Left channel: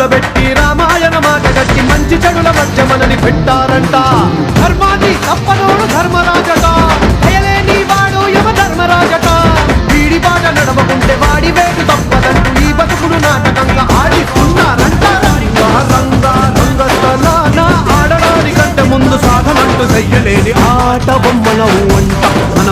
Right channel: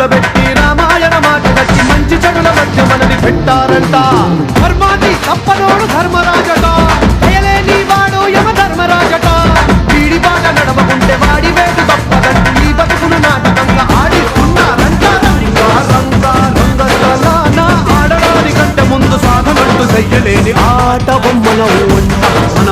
మొదలుపెట్టి రామాయణ మాట గట్టి మంచి చెడుల మధ్య మనని పెట్టారంట. ధర్మాన్ని తప్పనోడు ధర్మరాజట, దయలేని వాడు యమ ధర్మరాజట. వీడి బాట నడవకుంటే వాడి వేటు తప్పదంటూ ఈ బతుకును నాటకంగా ఆడిస్తున్నారంట. రంగా ఆడడానికంటే ముందు సాధనంటూ చెయ్యలేని ఆట బొమ్మలవు అంట. మన